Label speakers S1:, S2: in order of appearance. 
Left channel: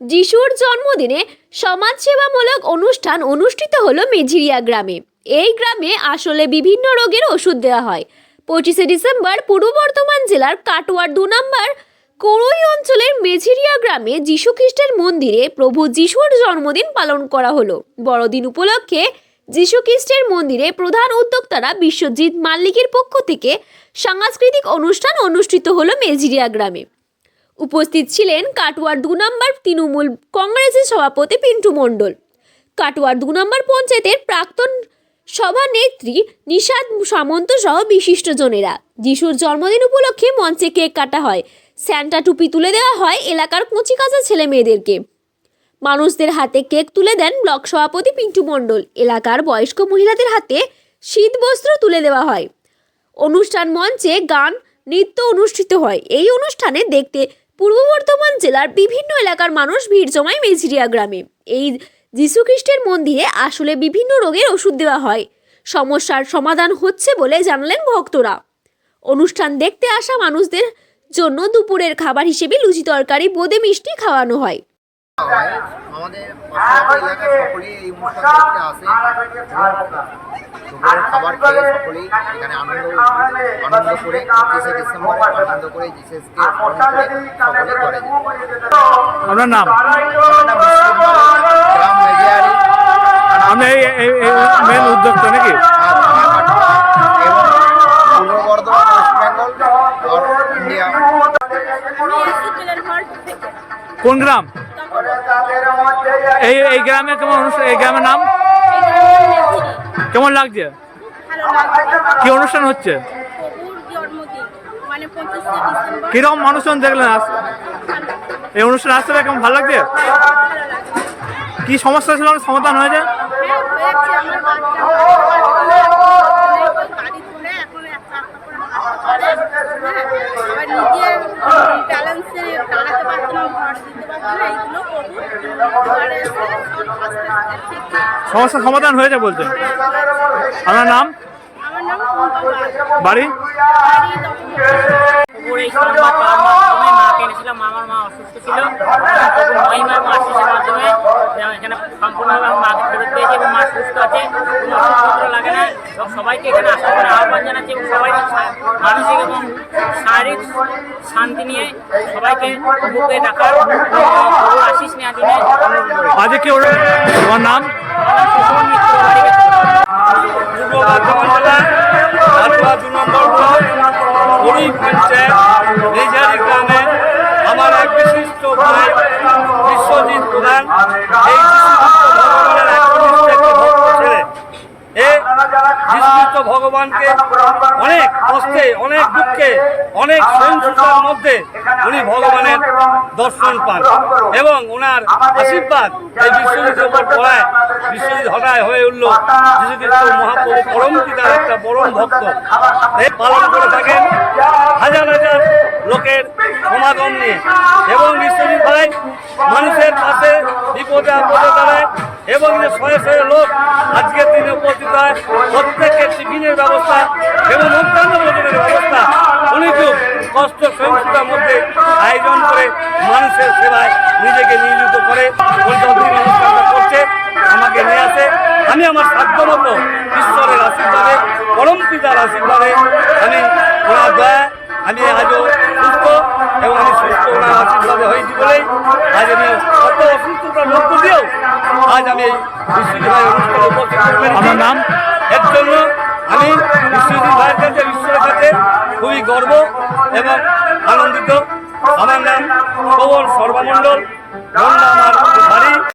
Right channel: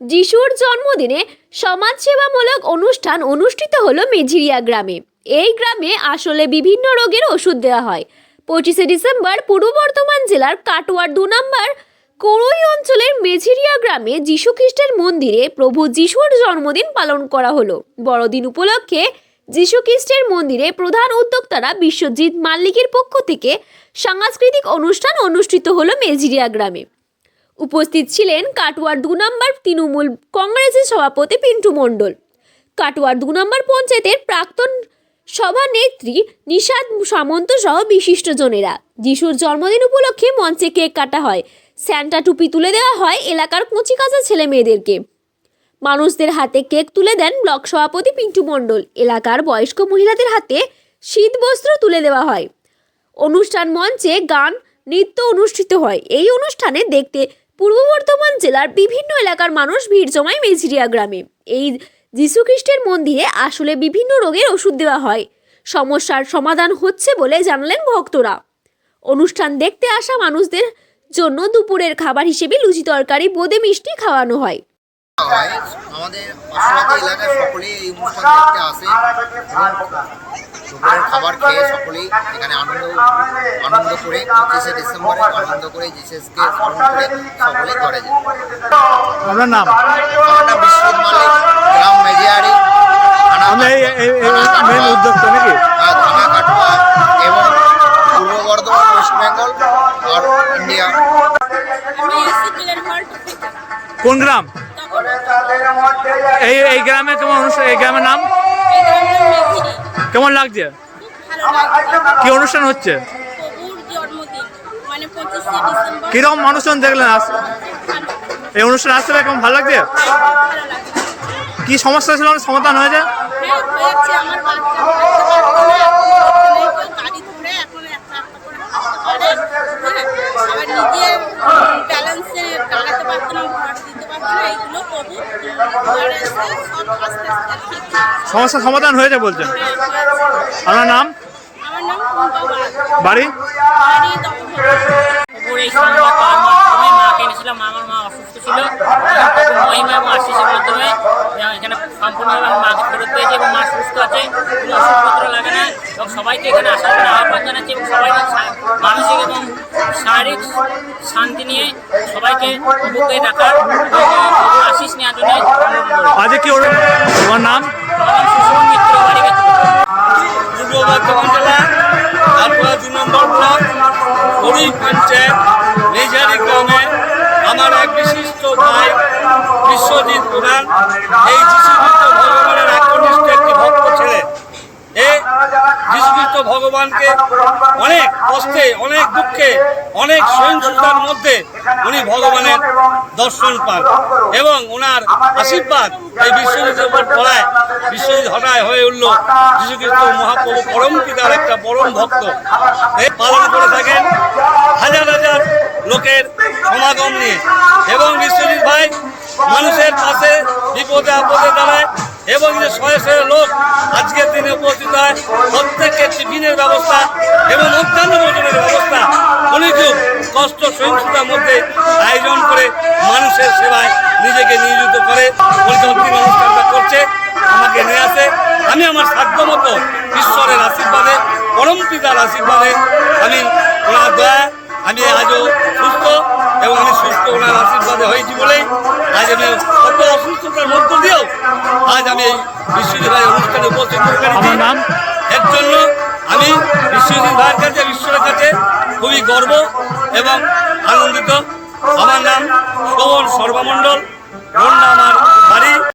S1: যিশুর জন্মদিনে সমাজসেবামূলক অনুষ্ঠান অনুষ্ঠিত হলো মেঝিরিয়া গ্রামে। এই গ্রামে আসলে বিভিন্ন রোগের ওষুধ দেওয়া হয়। পঁচিশে ডিসেম্বর পূর্ব বর্ধমান জেলার কাটোয়ার দু নম্বর করই অঞ্চলের মেঝিরিয়া গ্রামে যীশু খ্রিস্টের মন্দিরে প্রভু যিশুর জন্মদিন পালন করা হলো। বড়দিন উপলক্ষে যীশু খ্রিস্টের মন্দিরে প্রধান উদ্যোক্তারা বিশ্বজিৎ মাল্লিকের পক্ষ থেকে সাংস্কৃতিক অনুষ্ঠান অনুষ্ঠিত হলো মেঝিরিয়া গ্রামে। উপস্থিত ছিলেন কাটোয়ার দু নম্বর তৃণমূল কংগ্রেসের সভাপতি পিন্টু মণ্ডল। কাটোয়ার দু নম্বর পঞ্চায়েতের প্রাক্তন সভানেত্রী নিষাদ সামন্ত সহ বিশিষ্টজনেরা যিশুর জন্মদিন উপলক্ষে মঞ্চে কেক কাটা হয়। স্যান্টা টুপি তুলে দেওয়া হয় এলাকার কচি ছেলে মেয়েদেরকে। মানুষদের হাতে কেক তুলে দেন ব্লক সভাপতি পিন্টু মণ্ডল। এলাকার বয়স্ক মহিলাদের হাতে শীত বস্ত্র তুলে দেওয়া হয়। অনুষ্ঠান মঞ্চে গান, নৃত্য অনুষ্ঠিত হয়। এই অনুষ্ঠানে দেখতে পূর্ব বর্ধমান জেলার বিভিন্ন এলাকার মানুষ ভিড় জমায় মেঝিরিয়া গ্রামে। এই যীশুখ্রিস্টের মন্দিরে আসলে বিভিন্ন রোগের ওষুধ দেওয়া হয়। সমস্যার সমাধান হচ্ছে বলে জানালেন ভক্তরা। অনুষ্ঠান দেখতে আসা মানুষদের জন্য দুপুরের খাবার হিসেবে লুচি তরকারি, বোঁদে মিষ্টি খাওয়ানো হয়।
S2: আমাদের এলাকায় সকলেই এই অনুষ্ঠান দেখতে আসে এবং দুপুরের খাবার খেয়ে সকলেই এখানে আনন্দ আনন্দ করে পঁচিশে ডিসেম্বরে আনন্দ করে জিসেসকে স্মরণ করে সকলে ঘরে যায়।
S3: আপনার নাম?
S2: আমার নাম বিশ্বজিৎ মালিক গ্রাম মেজিয়ারি
S3: এই মেন উদ্যোক্তা নাকি?
S2: হ্যাঁ, থানা কাটোয়া এবং পূর্ব বর্ধমান ওয়েস্ট বেঙ্গল আর ইন্ডিয়া।
S4: আমি এসি প্লেয়ার হল্ট থেকে।
S3: কোন গ্রাম? এই এই গ্রামে কেমন অনুষ্ঠান এই গ্রামের নাম? কেমন লাগছে? কি অনুষ্ঠান হচ্ছে?
S4: মানে
S3: কীরকম মানুষজন দেখলেন আস- এই অনুষ্ঠান আসতে পেরে কেমন ভালো লাগছে?
S4: হ্যাঁ, ভালো লাগছে।
S3: কি সমস্যা ছিল? সমাধান হয়েছে?
S4: হ্যাঁ হ্যাঁ আবার নিজের ব্যালেন্সে দাঁড়াতে পারতো না দিতে পারতো না এইগুলো প্রভু ঘরে এসে সব আস্তে আস্তে
S3: সমস্যার সমাধান হয়েছে বলছেন?
S4: হ্যাঁ
S3: আপনার নাম?
S4: আমার নাম
S3: বাড়ি?
S5: প্রভুর এই সংবাদ পাওয়ার মাধ্যমে মাকে এনেছিলাম মা- আমার মা অসুস্থ ছিল। এবং প্রভুর মহিমা এবং আশিসের মাধ্যমে এখানে সম্পূর্ণভাবে আমার মাকে ফেরত পেয়েছি এবং মা সুস্থ আছে। কোনো ওষুধপত্র লাগে না। এবং সবাইকে এখানে আসার জন্য আহ্বান জানাচ্ছি এবং সবাই মানসিক এবং শারীরিক শান্তি নিয়ে সবাইকে প্রভুকে ডাকার এবং প্রভুর আশিস নেওয়ার জন্য অনুরোধ করি।
S3: আজ কি তোমার নাম?
S5: আমার নাম মিত্র, বাড়ি
S6: পূর্ব বর্ধমান জেলা কাটোয়া দু নম্বর ব্লক গরিব পঞ্চায়েত নেজারি গ্রামে আমার এক বিশিষ্ট ভাই, বিশ্বজিৎ প্রধান এই যীশুখ্রিস্ট ভগবানের একনিষ্ঠ একটি ভক্ত ছেলে। ভগবানকে অনেক কষ্টে, অনেক দুঃখে, অনেক সহিংসতার মধ্যে উনি ভগবানের দর্শন পান। এবং ওনার আশীর্বাদ এই বিশ্বজিতের উপর পড়ায়, বিশ্বজিৎ হঠাৎ হয়ে উঠল যীশুখ্রিস্ট মহাপ্রভু পরম পিতার একটা পরম ভক্ত। এই পালন করে থাকেন হাজার হাজার লোকের সমাগম নিয়ে। এবং বিশ্বজিৎ ভাই মানুষের পাশে বিপদে আপদে দাঁড়ায় এবং যে শয়ে শয়ে লোক আজকের দিনে উপস্থিত হয় প্রত্যেককে টিফিনের ব্যবস্থা এবং মধ্যাহ্ন ভোজনের ব্যবস্থা। খুব কষ্ট সহিংসতার মধ্যে আয়োজন করে মানুষের সেবায় নিজেকে নিয়োজিত করে পরিচর্যিত অনুষ্ঠানটা করছে, আমাকে নিয়ে আসে। আমি আমার সাধ্যমতো ঈশ্বরের আশীর্বাদে, পরম পিতার আশীর্বাদে আমি ওনার দয়া, আমি আজও সুস্থ এবং আমি সুস্থ ওনার আশীর্বাদে হয়েছি বলেই আজ আমি কত অসুস্থতার মধ্য দিয়েও আজ আমি এই বিশ্বজিৎ ভাই অনুষ্ঠানে উপস্থিত
S3: আমার। নাম?
S6: এর জন্য আমি বিশ্বজিৎ ভাইয়ের কাছে বিশ্বের কাছে খুবই গর্ব এবং আনন্দিত আমার নাম শোভন সর্বমণ্ডল রন্ডা আমার বাড়ি